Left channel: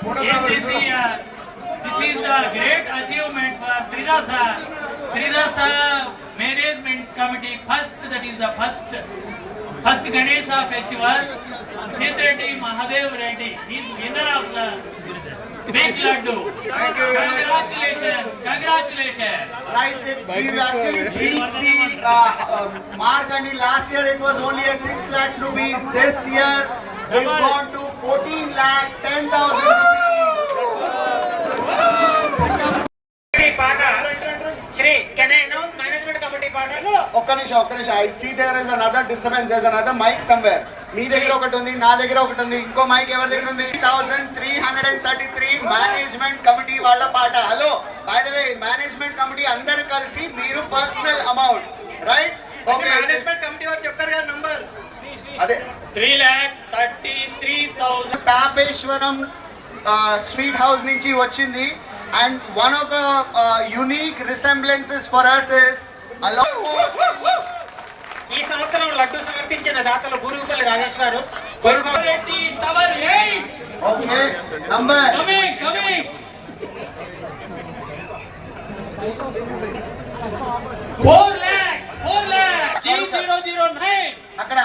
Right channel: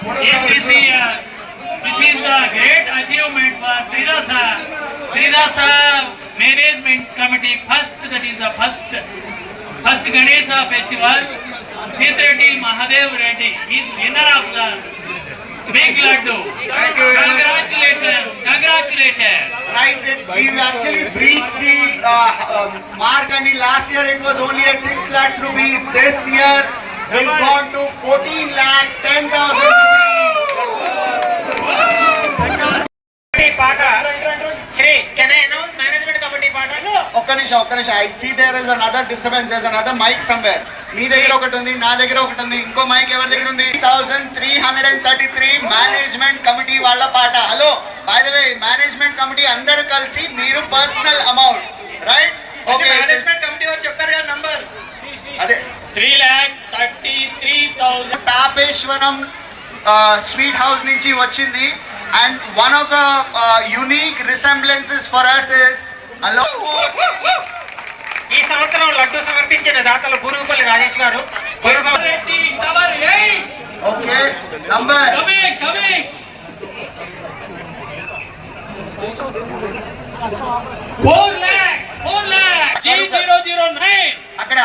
This year, this is the great achievement for Tridasa. Tridasa Management Committee first, that is the first, first Ganesha festival. Sitreddy Mahadev Reddy is winner of the big laddu. Congratulations, congratulations. Right, we've actually breached the uh, um, mark and last year it was only at 6 lakhs rupees. This year we've gone to 14 lakh 10,000 rupees. Sri can management committee పాట ఒక్క నిమిషం ఒక్క నిమిషం I see there is another disturbance there another mike somewhere మీ దగ్గర ఒకటి ఉంది నా దగ్గర ఒకటి ఉంది ఇంకో మైక్ ఎవరి దగ్గర ఉంది thousand three hundred and thirty three management committee వాళ్ళ పాట hello by the way management committee అందరూ కలిసి మీరు personal amount right okay management committee వారు చెప్పారు కదా నంబర్ అదే three lakh lakh thirty-three thousand. Tapeswaram sweet house నుంచి వచ్చింది and one of the unique resemblances for us is hello ఈ సంవత్సరం లడ్డు సమర్పించిన దాతలు Gurugupalli Rajesh garu. Okay number nine. అక్కడ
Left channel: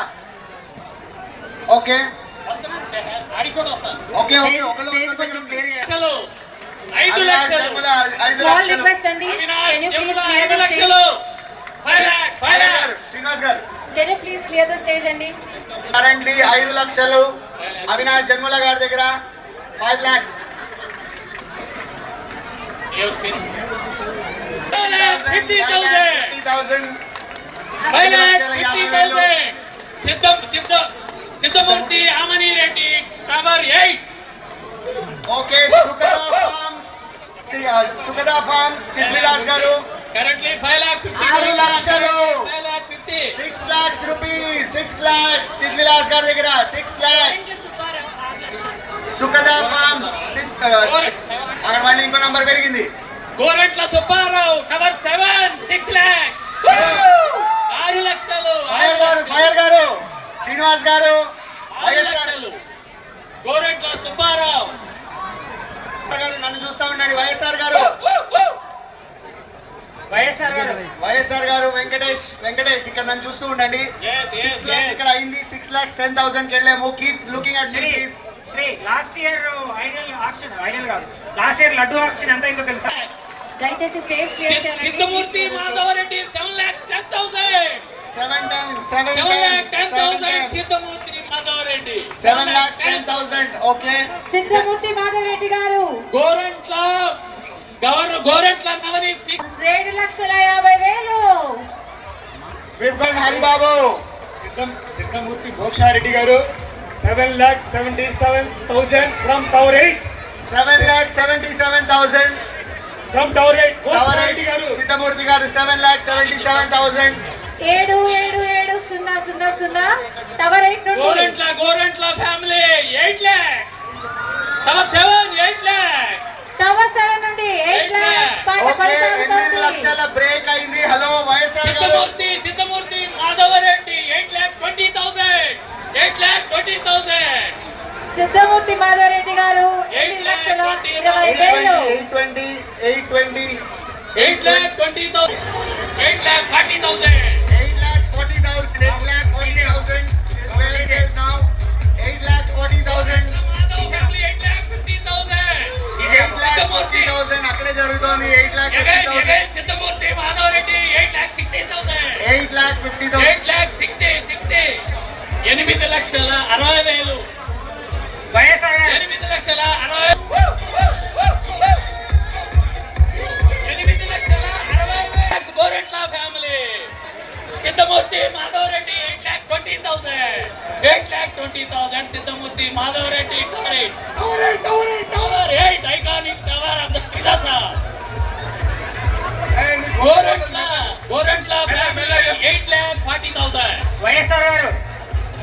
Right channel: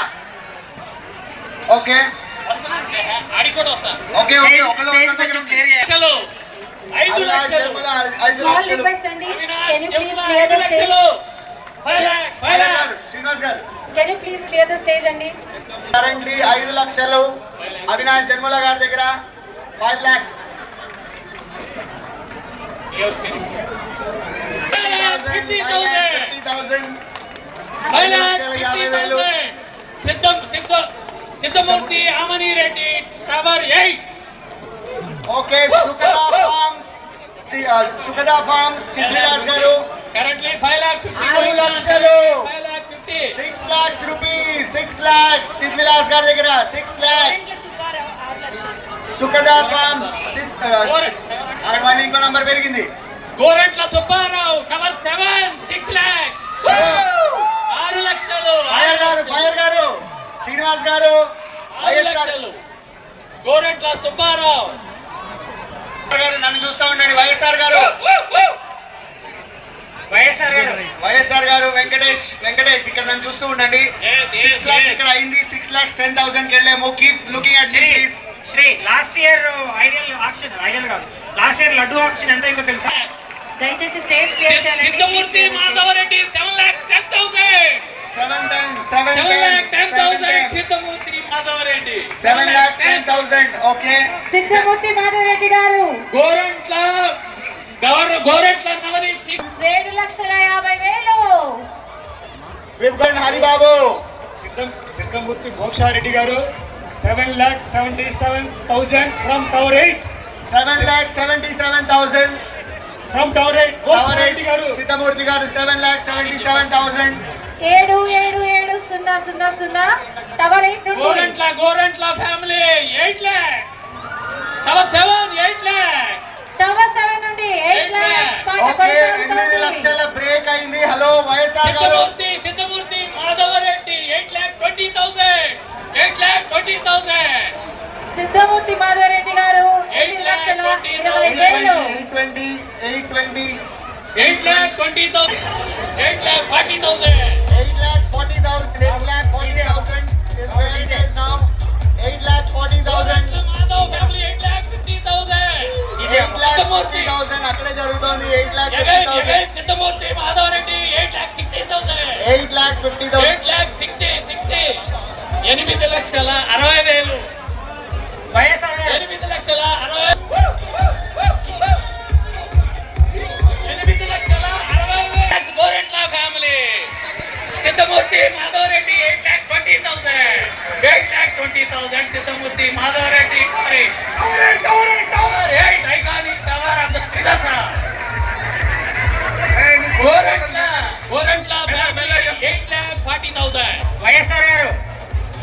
ఓకే అడి కూడా వస్తాను ఓకే ఓకే స్టేజ్- ఒకళ్ళు స్టేజ్ ఒకళ్ళ దగ్గర కొంచెం క్లియర్ చేయాలి. లక్షలు ఐదు ఐదు లక్షలు లక్షలు, ఐదు Small లక్షలు. request, Andy. Avinash, Can you please Jamuna, clear ఐదు the stage? లక్షలు. Five lakhs, five Srinivas lakhs. గారు, శ్రీనివాస్ గారు Can you please clear the stage, Andy? Currently ఐదు లక్షలు అవినాష్ జన్మల గారి దగ్గర five lakhs Five lakhs, fifty thousand. Fifty thousand Five lakhs, fifty thousand. సిద్ధం సిద్ధం Siddhamurti Amani Reddy cover eight okay Sukhada farms Sukhada farms Chitrilas garu. Currently five lakh fifty ఆరు లక్షలు. Five lakh fifty six lakhs rupees six lakhs గారి దగ్గర six lakhs సుఖదా forms అక్కడ మళ్ళీ ఇంకో number పెరిగింది. Gorantla Subbarao cover seven six lakh ఆరు లక్షలు. ఫైర్ గారు ఫైర్ గారు. శ్రీనివాస్ గారు గారు గోరెంట్ల సుబ్బారావు. గారు నన్ను చూస్తా ఉండండి వైఎస్ఆర్ గారు. వైఎస్ఆర్ గారు వైఎస్ఆర్ గారు వెంకటేష్ వెంకటేష్ ఇక్కడ నన్ను చూస్తూ ఉండండి. ఇక్కడ అయింది సిక్స్ లాక్స్ టెన్ థౌసండ్ వెళ్ళాము. Keep looking at me Shri please Shri last year ideal auction ideal కాదు. లాస్ట్ ఇయర్ లడ్డు ఆక్షన్ ఎంత అయిందో తెలుసా? దయచేసి స్టేజ్ క్లియర్ చేయాలండి Siddhamurthy Madhavareddy seven lakhs ten thousand seven ten seven seven lakh ten thousand Siddhamurthy Madhavareddy seven lakhs ten thousand okay Siddhamurthy Madhavareddy garu. Gorantla governor Gorantla Navneet Singh ఏడు లక్షల యాభై వేలు. విప్గన్ హరిబాబు సిద్ధం Siddhamurthy Mokshareddy garu. Seven lakh seventy seven thousand from tower eight seven lakhs seventy seven thousand from tower eight Mokshareddy garu. Siddhamurthy garu seven lakhs seventy seven thousand ఏడు ఏడు ఏడు సున్నా సున్నా సున్నా టవర్ ఎయిట్ నుండి. Gorantla Gorantla family eight lakh cover seven eight lakh tower seven నుండి eight ఎనిమిది లక్షల బ్రేక్ అయింది. Hello YSR garu Siddhamurthy Siddhamurthy Madhavareddy eight lakh twenty thousand. Eight lakh twenty thousand. Siddhamurthy Madhavareddy garu lakh లక్షల ఇరవై eight వేలు. Twenty eight twenty eight lakh twenty. Thousand. Eight lakh forty thousand. Siddhamurthy. Thousand అక్కడే జరుగుతోంది. Eight lakh Madhavareddy eight lakh sixty thousand eight lakh fifty thousand eight lakh sixty sixty ఎనిమిది లక్షల అరవై వేలు. వైఎస్ఆర్ ఎనిమిది లక్షల అరవై ఎనిమిది లక్షల అరవై వేలు. Gorantla family. Siddhamurthy Madhavareddy eight lakh twenty thousand eight lakh twenty thousand Siddhamurthy Madhavareddy tower tower tower YSR garu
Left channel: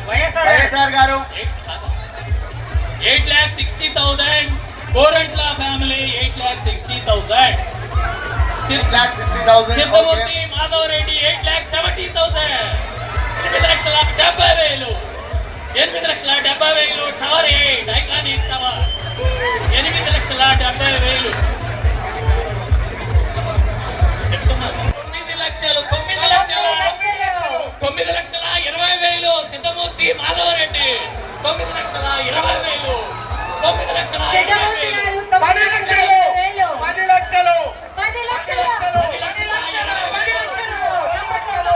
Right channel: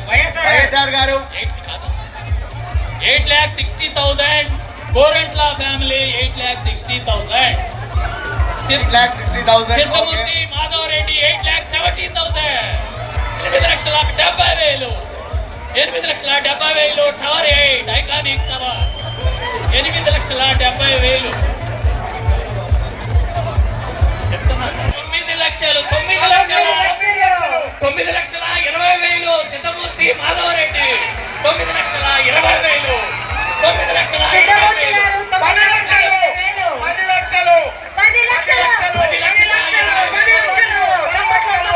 YSR garu. Eight lakh sixty thousand Gorantla family eight lakh sixty thousand Siddhamurthy Madhav Reddy eight lakh seventy thousand ఎనిమిది లక్షల డెబ్బై వేలు. ఎనిమిది లక్షల డెబ్బై వేలు tower eight iconic tower. ఎనిమిది P Madhavareddy తొమ్మిది లక్షల ఇరవై వేలు. తొమ్మిది లక్షల పది లక్షలు పది లక్షలు. పది లక్షలు. పది లక్షలు పది లక్షలు.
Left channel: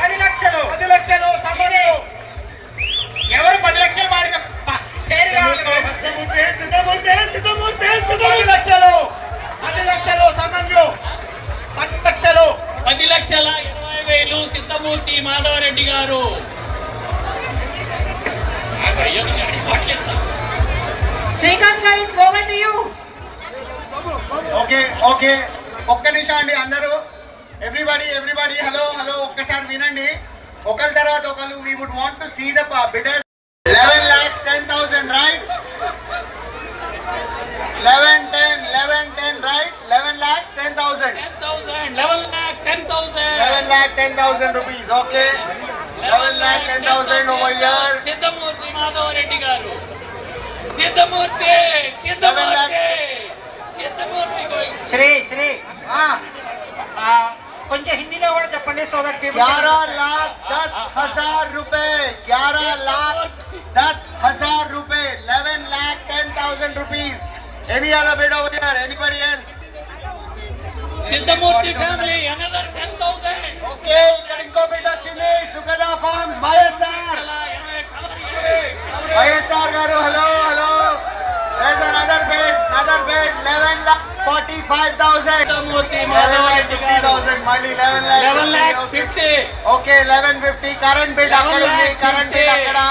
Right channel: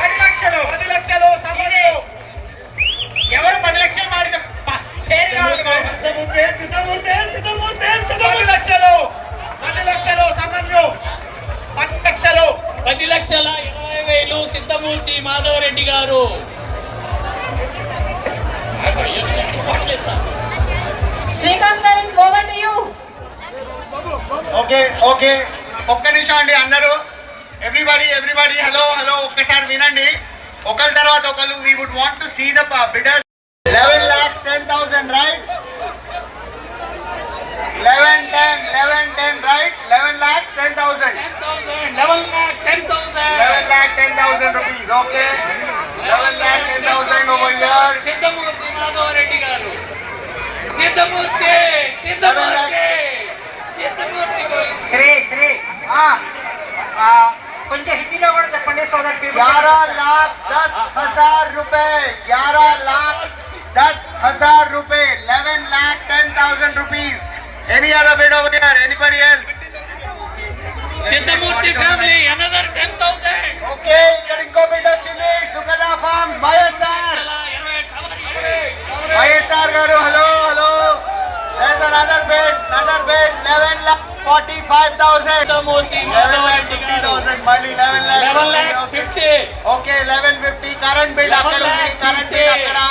పది లక్షలు. పది లక్షలు. ఎవరు పది లక్షలు వాడిన పది లక్షలు. పది లక్షలు సమన్యు పది లక్షలు. పది లక్షల ఇరవై వేలు Siddhamurthy Madhavareddy garu. Srikanth garu over to you okay okay ఒక్క నిమిషం అండి అందరూ ఎవ్రీబడి ఎవ్రీబడి హలో హలో ఒక్కసారి వినండి ఒకరి తర్వాత ఒకరు we would want to see the bidders eleven lakhs ten thousand right eleven ten eleven ten right eleven lakhs ten thousand eleven lakh ten thousand eleven lakh ten thousand rupees okay eleven lakh ten thousand over year Madhav Reddy garu Chittamurti Chittamurti చిత్తమూర్తి Shri Shri కొంచెం హిందీలో కూడా చెప్పండి so that people గ్యారహ్ లాఖ్ దస్ హజార్ రూపే గ్యారహ్ లాఖ్ దస్ హజార్ RuPay eleven lakh ten thousand rupees any other bid over here anybody else Siddhamurti family, another 10,000. Okay, ఇక్కడ ఇంకో బిడ్డ వచ్చింది సుగదా ఫార్మ్ మయసార్ వైఎస్ఆర్ గారు hello hello there's another bid another bid 11 lakh 45000 Siddhamurthy 11 lakh Madhavareddy గారు 50000 మళ్ళీ 11 lakh eleven lakh 50,000. Fifty okay 1150 current bill 11 अकेले lakh current bill 50 अकेला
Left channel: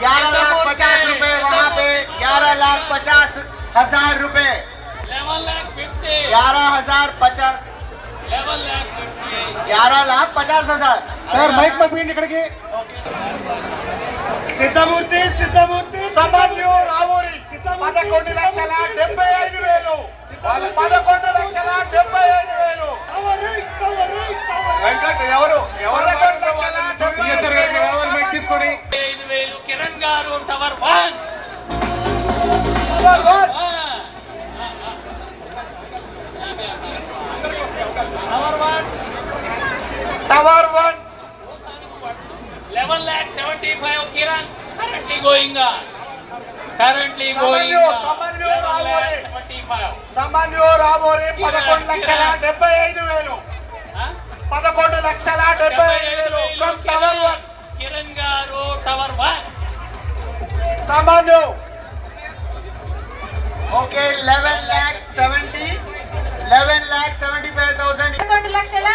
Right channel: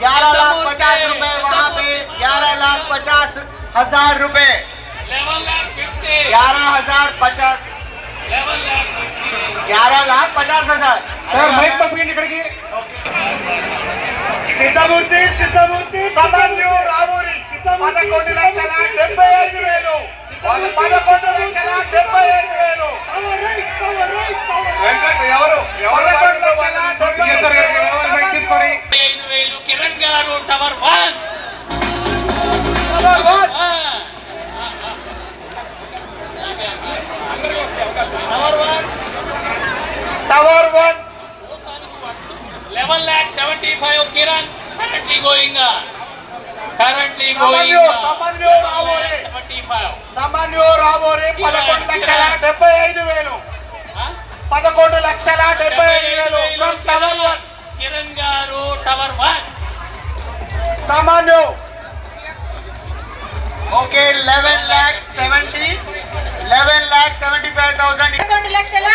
ग्यारह लाख पचास रुपए वहाँ पे ग्यारह लाख पचास हजार रुपए లెవెన్ ల్యాక్ ఫిఫ్టీ ग्यारह हजार पचास లెవెన్ ల్యాక్ ग्यारह लाख पचास हजार సార్ మైక్ పంపించండి ఇక్కడికి Siddhamurthy Siddhamurthy Samanyu Ravuri 45 Kiran. Currently going on. Currently సామాన్యో రాబోరే uh, పదకొండు లక్షల డెబ్బై ఐదు వేలు. పదకొండు లక్షల డెబ్బై ఐదు tower one. Kiran garu tower one. సామాన్యో okay eleven lakhs seventy. Eleven lakhs seventy five thousand. పదకొండు లక్షల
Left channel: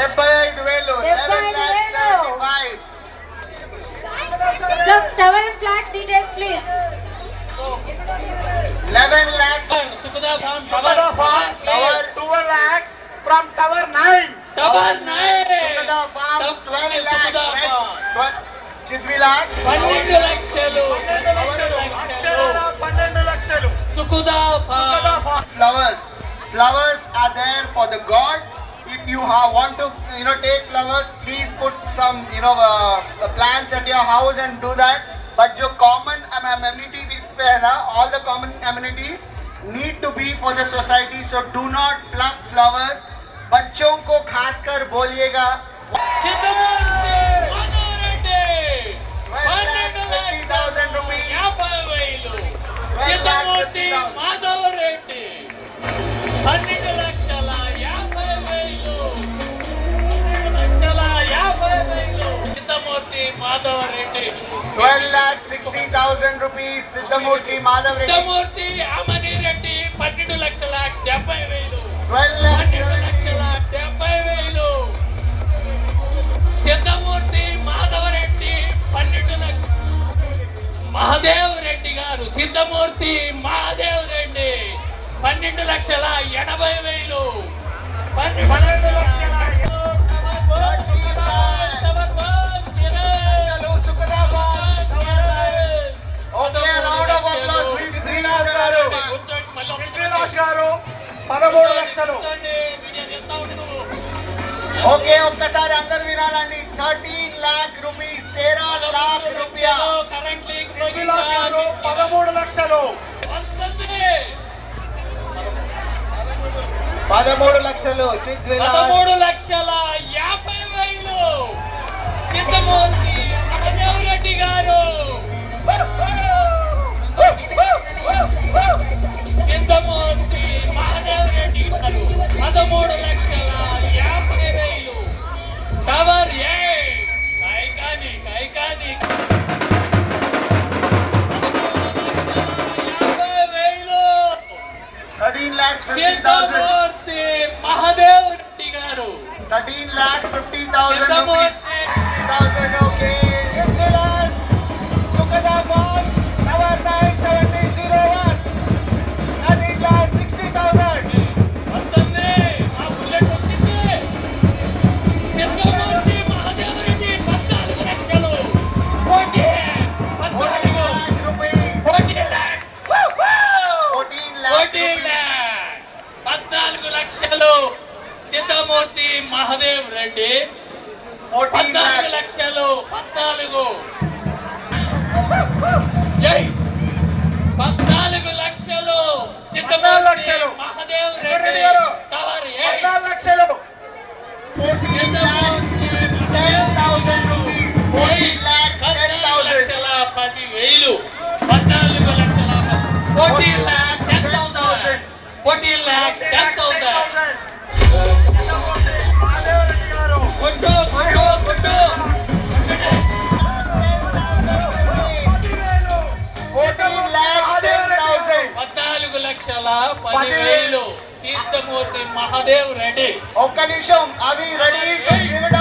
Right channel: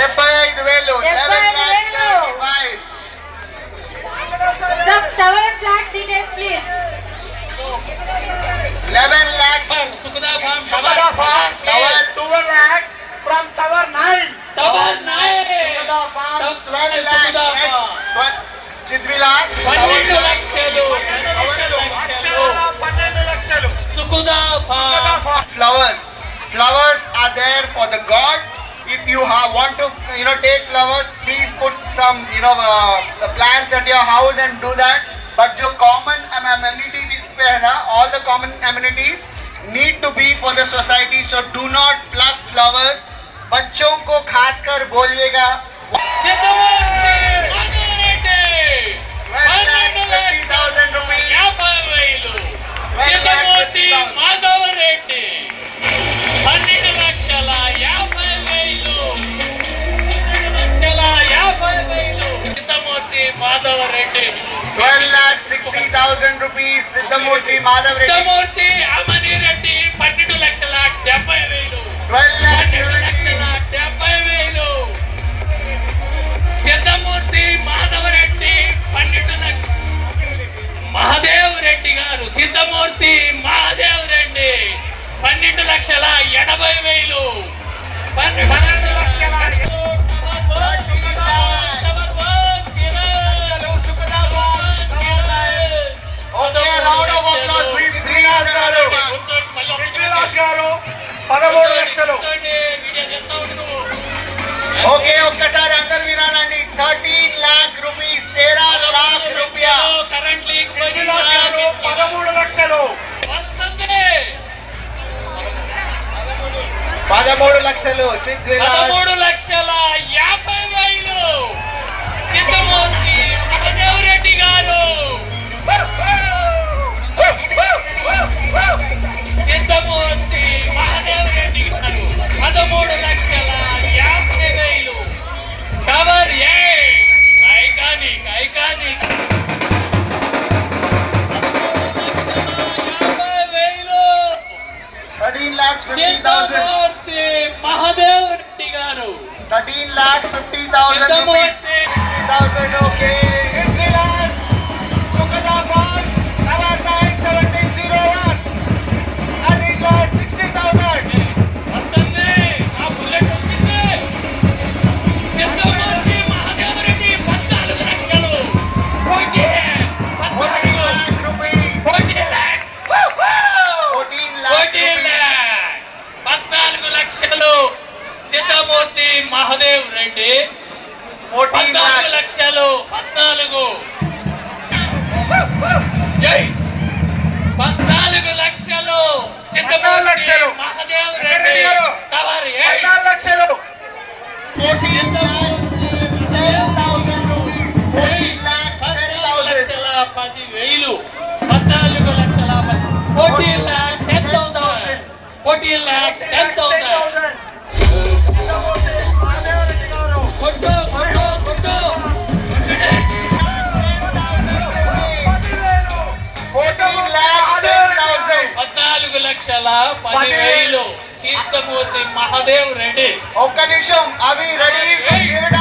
డెబ్బై ఐదు వేలు eleven Tower flat details please 11 lakhs Sukhada farm Shabada Farm Tower 12 lakhs from Tower 9 tower nine Shabada Farms 12 lakhs Shabada right? Farm. Twe- Chidvilas పన్నెండు లక్షలు పన్నెండు లక్షలు పన్నెండు లక్షలు Sukhada farm flowers flowers are there for the god if you ha- want to you know take flowers please put some you know uh, plants at your house and do that but जो common am- amenity is fair na, all the common amenities need to be for the society so do not pluck flowers बच्चों को खासकर बोलिएगा 60,000 rupees Siddhamurthy Madhav Reddy Siddhamurthy అమనిరెడ్డి పన్నెండు లక్షల డెబ్బై వేలు 12 పదమూడు లక్షలు. ఓకే ఒక్కసారి అందరు వినాలండి. థర్టీన్ లాక్ రూపీస్ తేరా లాక్ రూపాయ? పదమూడు లక్షలు. పదమూడు లక్షలు పదమూడు లక్షల యాభై వేలు. చిత్తమూర్తి మహదేవ్ రెడ్డి పద్నాలుగు లక్షలు పద్నాలుగు. పద్నాలుగు లక్షలు లక్షలు. మహదేవ్ రెడ్డి తవరి లక్షలు. పది వేలు. పద్నాలుగు లక్షల fourteen lakhs ten thousand. Fourteen lakhs వేలు. తీర్థమూర్తి మహాదేవ్ రెడీ. ఒక్క నిమిషం. అవి రెడీ.